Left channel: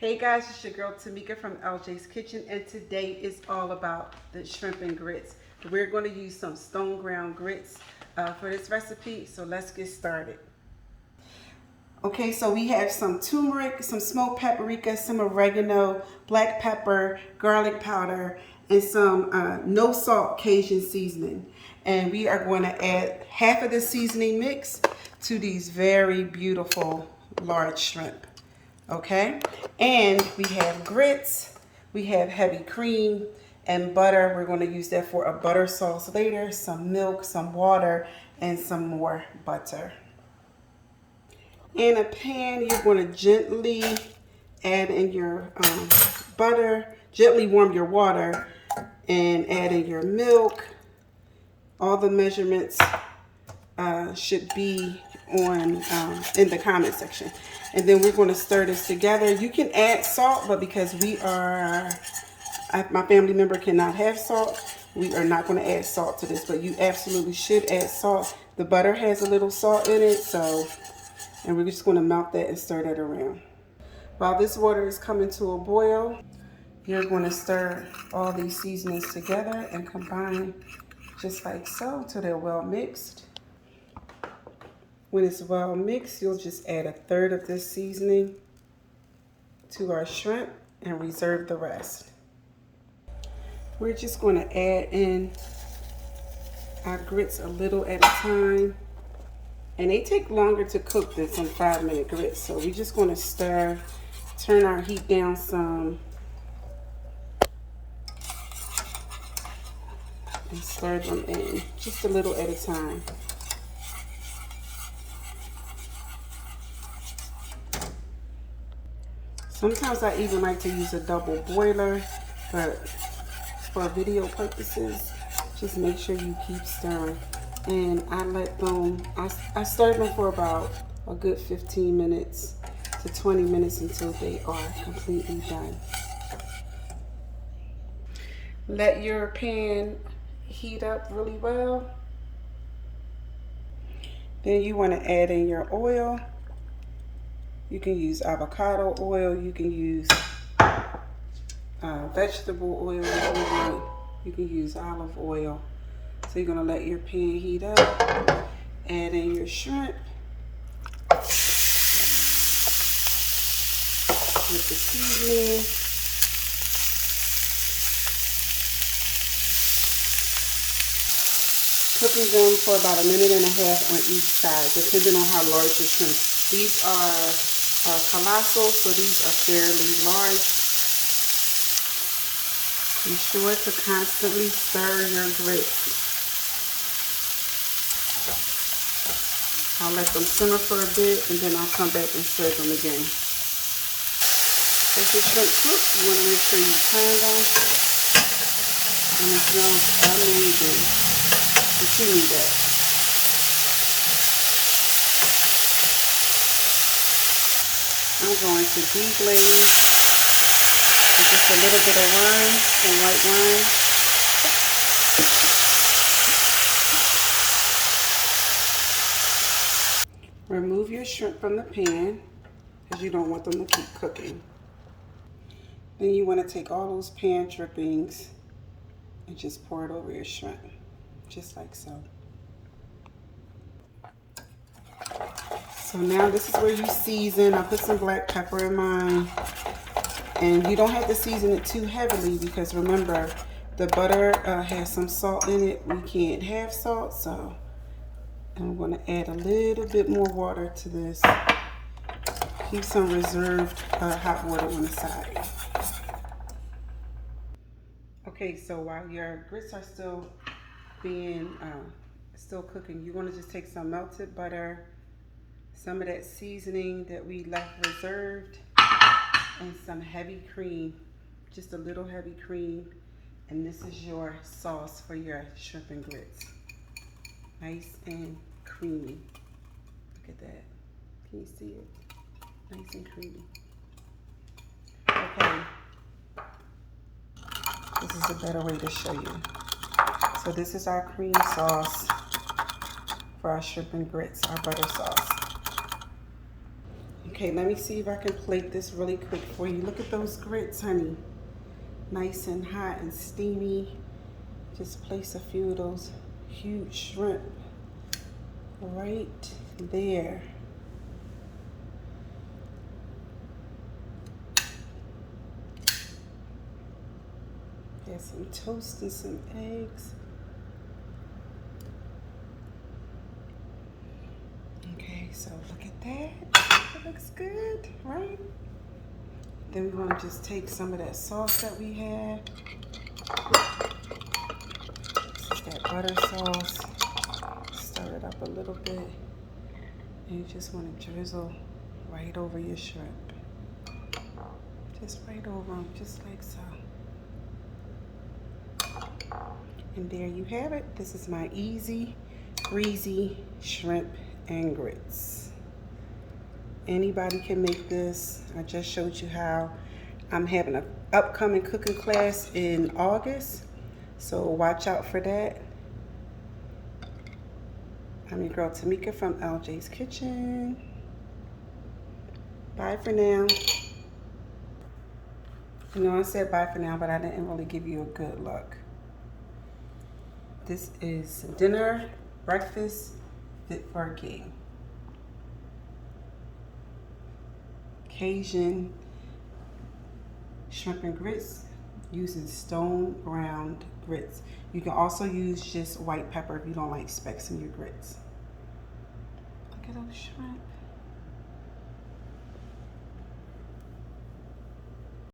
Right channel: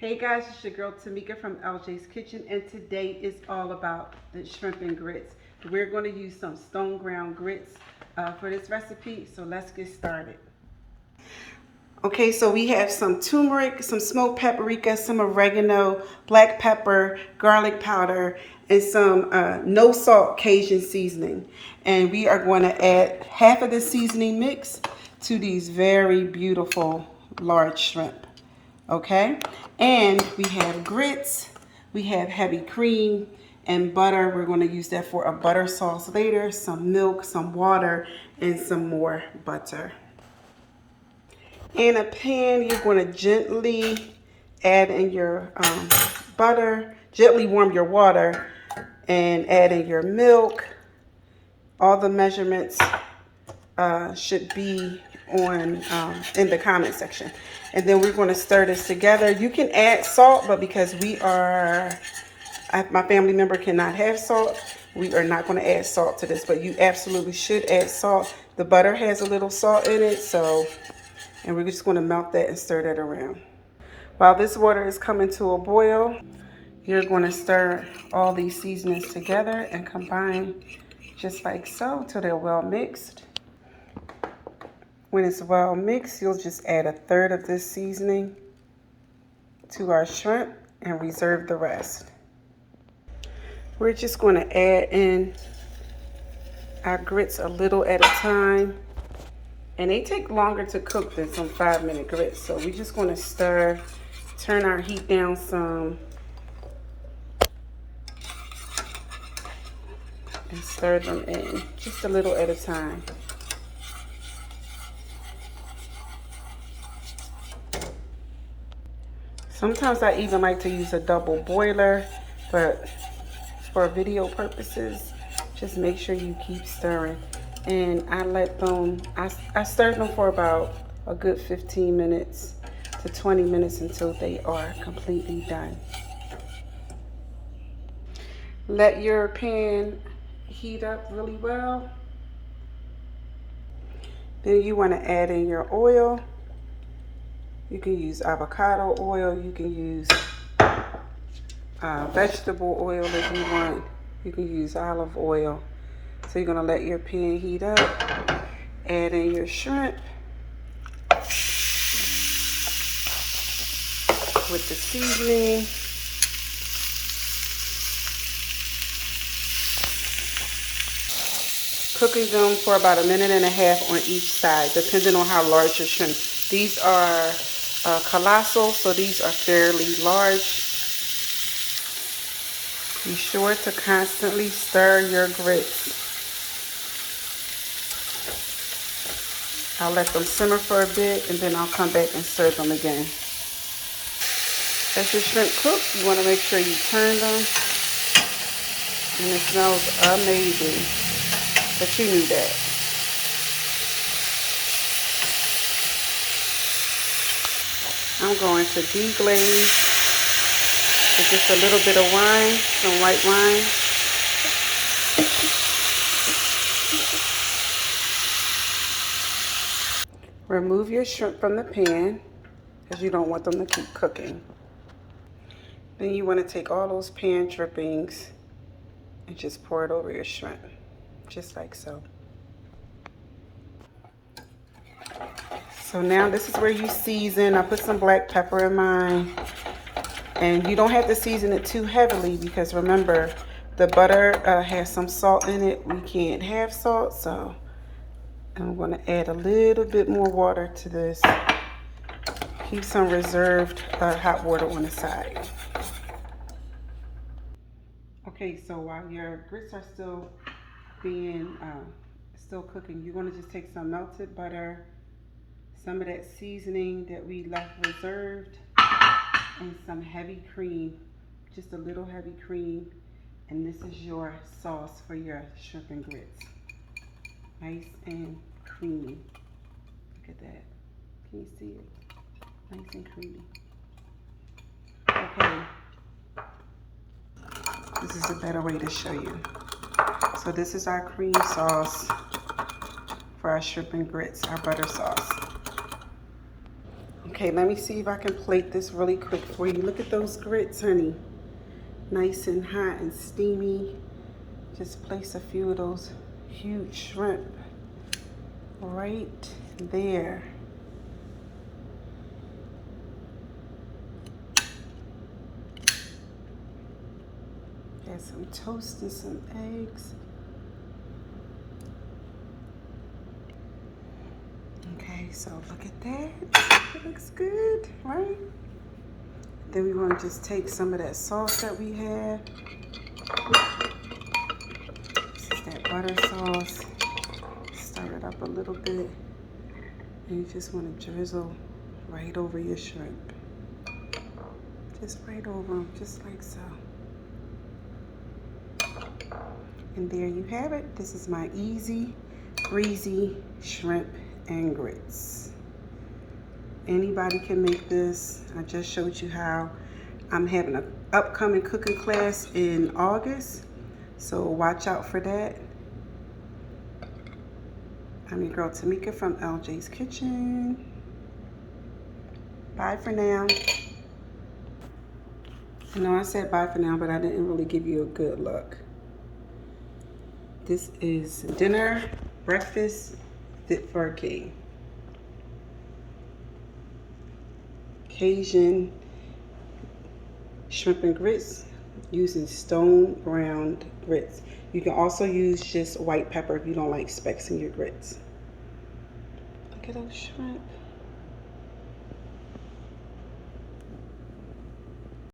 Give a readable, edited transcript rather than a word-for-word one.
Hey guys, it's your girl Tamika from LJ's Kitchen, and today is all about the shrimp and grits. We're going to use some stone ground grits for this recipe, so let's get started. Okay, so we have some turmeric, some smoked paprika, some oregano, black pepper, garlic powder, and some no salt Cajun seasoning. And we are going to add half of the seasoning mix to these very beautiful large shrimp. Okay, and we have grits, we have heavy cream and butter. We're going to use that for a butter sauce later, some milk, some water, and some more butter. In a pan, you're going to gently add in your butter, gently warm your water, and add in your milk. All the measurements should be on in the comment section. And then we're going to stir this together. You can add salt, but because my family member cannot have salt, we are not going to add salt to this, but you absolutely should add salt. The butter has a little salt in it, and we're just going to melt that and stir that around. While this water is coming to a boil, you're going to stir all these seasonings together and combine just like so until they're well mixed. When it's well mixed, you'll just add 1/3 of this seasoning to our shrimp and reserve the rest. We're just going to add in our grits a little at a time. And they take longer to cook than some 5-minute grits. So we're just going to stir, turn our heat down some, and stir them in just a little at a time. Sometimes I even like to use a double boiler, but for video purposes, just make sure you keep stirring. And I stir them for about a good 15 minutes to 20 minutes until they are completely done. Let your pan heat up really well. Then you want to add in your oil. You can use avocado oil, you can use vegetable oil if you want, you can use olive oil. So you're going to let your pan heat up, add in your shrimp with the seasoning. Cooking them for about 1.5 minutes on each side, depending on how large your shrimp. These are colossal, so these are fairly large. Be sure to constantly stir your grits. I'll let them simmer for a bit, and then I'll come back and stir them again. As your shrimp cooks, you want to make sure you turn them, and it smells amazing, but you knew that. I'm going to deglaze with just a little bit of wine, some white wine. Remove your shrimp from the pan because you don't want them to keep cooking. Then you want to take all those pan drippings and just pour it over your shrimp, just like so. So now this is where you season. I put some black pepper in mine. And you don't have to season it too heavily because remember, the butter has some salt in it. We can't have salt, so I'm going to add a little bit more water to this. Keep some reserved hot water on the side. Okay, so while your grits are still cooking, you want to just take some melted butter, some of that seasoning that we left reserved, and some heavy cream, just a little heavy cream, and this is your sauce for your shrimp and grits. Nice and creamy. Look at that. Can you see it? Nice and creamy. Okay. This is a better way to show you. So this is our cream sauce for our shrimp and grits, our butter sauce. Okay, let me see if I can plate this really quick for you. Look at those grits, honey. Nice and hot and steamy. Just place a few of those huge shrimp right there. Add some toast and some eggs. Okay, so look at that. It looks good, right? Then we want to just take some of that sauce that we have. This is that butter sauce. Stir it up a little bit. And you just want to drizzle right over your shrimp. Just right over them, just like so. And there you have it. This is my easy, breezy shrimp and grits. Anybody can make this. I just showed you how. I'm having an upcoming cooking class in August, so watch out for that. I'm your girl Tamika from LJ's Kitchen. Bye for now. I know I said bye for now, but I didn't really give you a good look. This is dinner, breakfast, fit for a king. Cajun shrimp and grits using stone ground grits. You can also use just white pepper if you don't like specks in your grits. Look at those shrimp.